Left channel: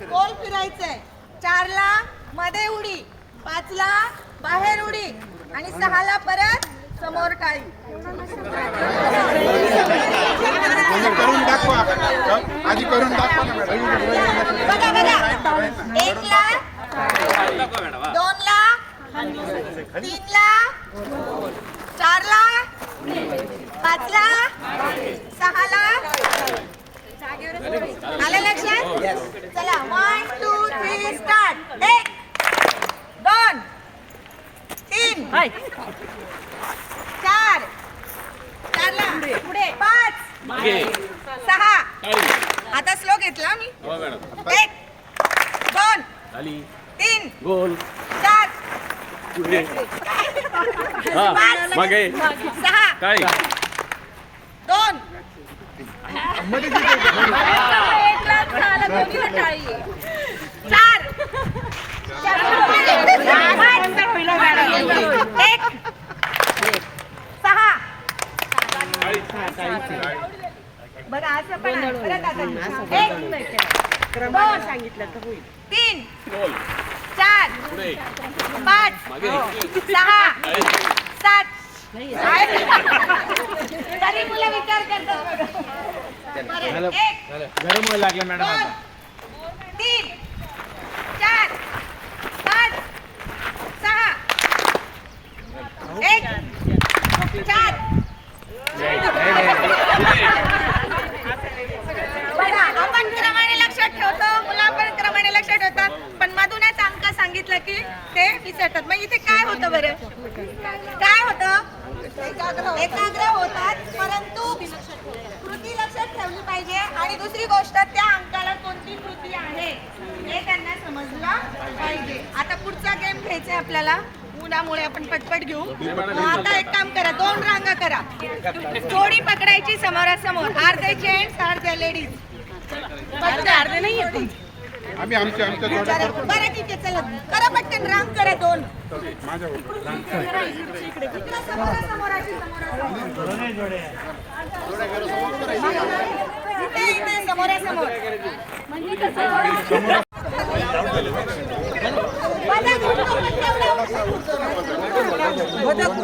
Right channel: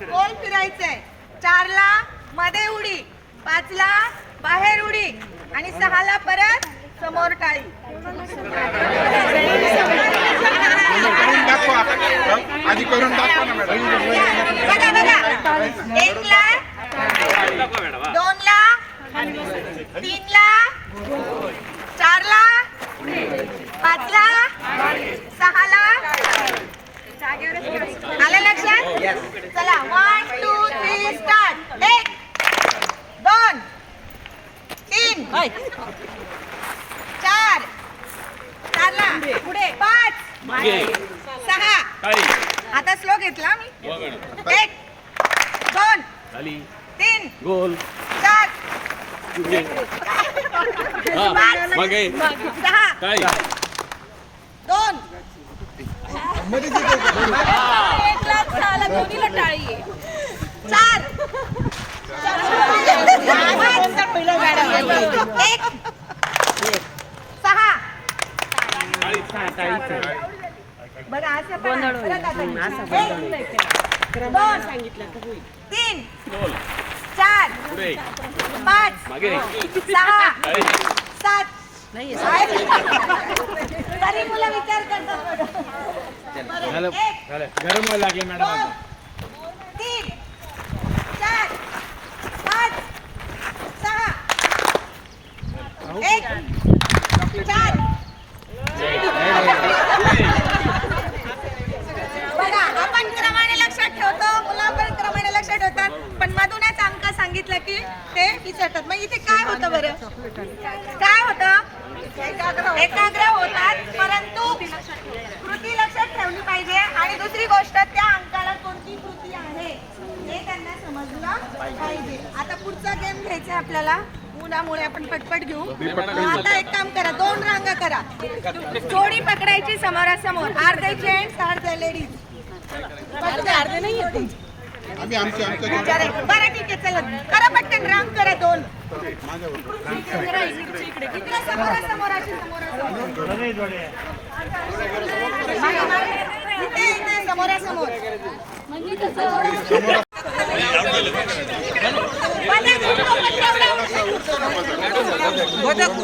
करायचंय चारला मध्ये उडी पाचला बाहेर उडी आणि सहाला परत समोर दाखवा. आधी करून दाखवा ना मॅडम. बघा बघा. एकला दोनला तीनला चारला पाचला सहाला आलं लक्षात चला वन टू थ्री स्टार्ट एक दोन तीन चार. चारला. पुढे. पाच. सहा. आता स्लो घेतला मी. एक. दोन. तीन. गोल. चार. पाच मागे. सहा. काय दोन. चार एक सहा बघा असं पण आहे. परत आता एक दोन तीन चार पाच सहा सात. तरी मुलं विचार करतात. एक गरम लागलं मॅडम दोन तीन चार पाच सहा एक चार आपण क्रमाने लक्षात ठेवतो मुलं पण क्रमाने लक्षात ठेवतात. पण मधूनच अंक सांगितलं की ते विसरतात. मग इथे काय होतं बरं? काय होतं? एकाग्र होतात परंतु कृती लक्षात ठेवली पाहिजे. आणि दुसरी गोष्ट त्या अंकाला कोणती कृती आहे हे त्यांना समजलं पाहिजे. आता पुढचा गेम घ्यायचा आहे आपल्याला. उन्हामुळे आपण पटपट घेऊ. मग आता एक काम करा दोन रांगा करा. जोडी पकडायची समोरासमोर. अर्धे जेंट्स अर्धे लेडीज अर्धे नाही येते. बरं ठीक आहे चला. करा पटकन रांग करा दोन. इकडे समोरासमोर अशी